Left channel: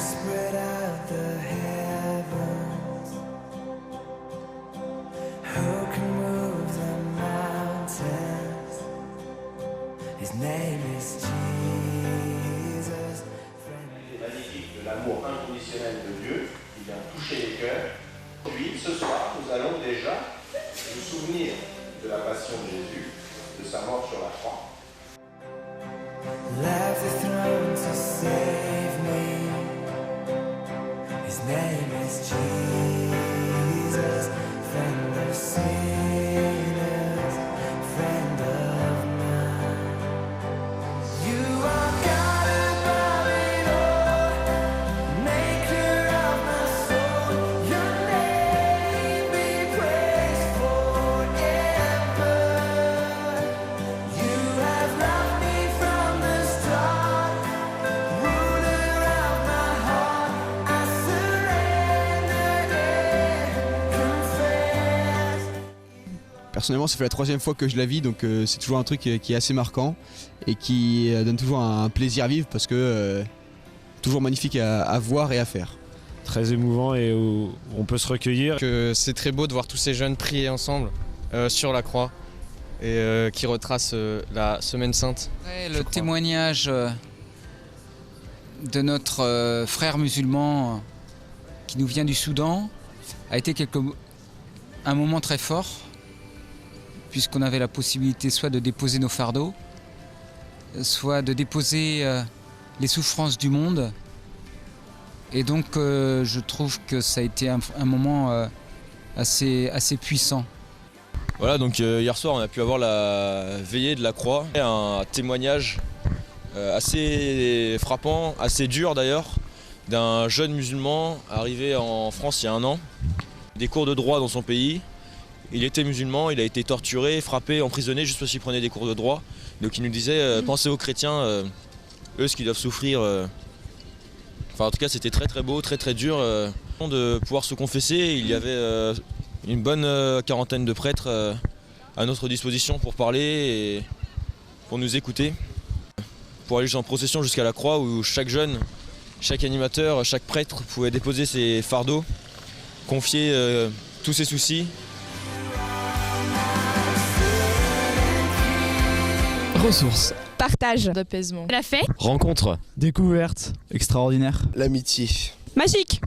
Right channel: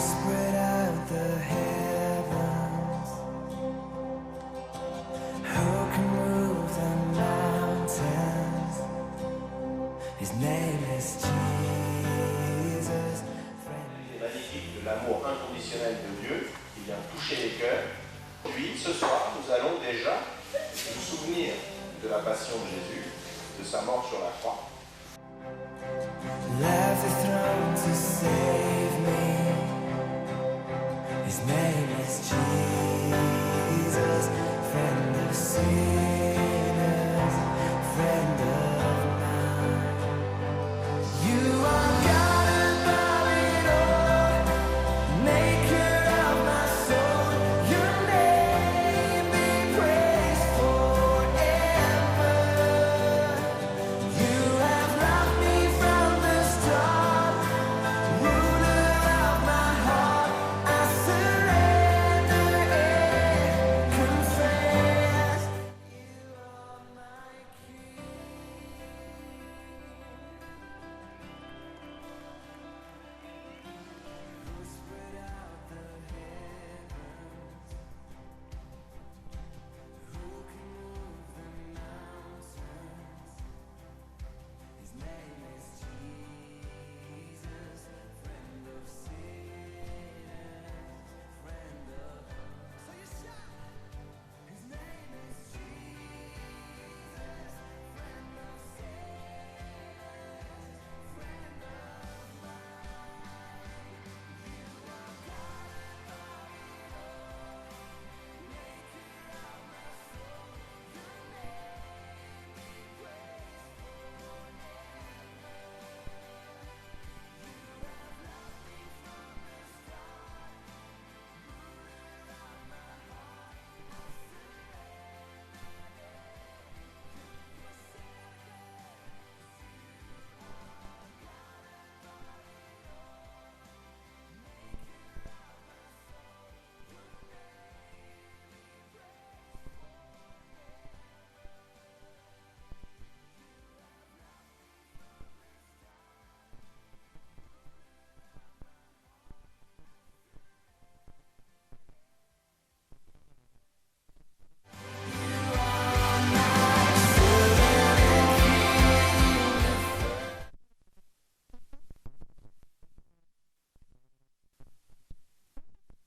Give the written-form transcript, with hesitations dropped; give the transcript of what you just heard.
spread out the heavens? Who can move the mountains? His name is Jesus. Magnifique de l'amour inconditionnel de Dieu qui vient toucher les cœurs. Puis ce soir, nous allons déjà nous souvenir de la passion de Jésus, de sa mort sur la croix. Left the throne to save me. His name is Jesus, friend of sinners, friend of mine. You are God above it all, maker of my soul. Your name be praised forever. You have loved me from the start, ruler of my heart. I surrender and confess. Personnellement, ça fait la 3e fois que je la vis, donc c'est toujours un truc qui est assez marquant et qui donne toujours un plaisir à vivre parce que toujours magnifique à voir et à faire. Très émouvant et où on peut se recueillir. C'est très beau de voir tous ces jeunes prier ensemble sur la croix et qui retracent la Semaine Sainte. Le témoignage de notre frère musulman qui nous vient du Soudan a été un moment très fort, puisqu'on avait la possibilité soit de déposer nos fardeaux, soit de déposer les souffrances du monde. Et donc je trouve que ça a été un moment assez puissant. Voilà, donc hier soir on a pu avoir la veillée de la croix, un témoignage assez frappant, assez dur d'ailleurs, d'un jeune musulman arrivé en France il y a 1 an, des cours de droit dans son pays. Il était musulman, il a été torturé, frappé, emprisonné juste parce qu'il prenait des cours de droit. Donc il nous disait, pensez aux chrétiens, eux ce qu'ils doivent souffrir. Enfin en tout cas c'était très très beau, très très dur de pouvoir se confesser. Il y avait une bonne quarantaine de prêtres à notre disposition pour parler et pour nous écouter. Pour aller en procession jusqu'à la croix où chaque jeune, chaque animateur, chaque prêtre pouvait déposer ses fardeaux, confier tous ses soucis. Ressources. Partage. D'apaisement. La fête. Rencontre. Découverte. Extraordinaire. L'amitié. Magique.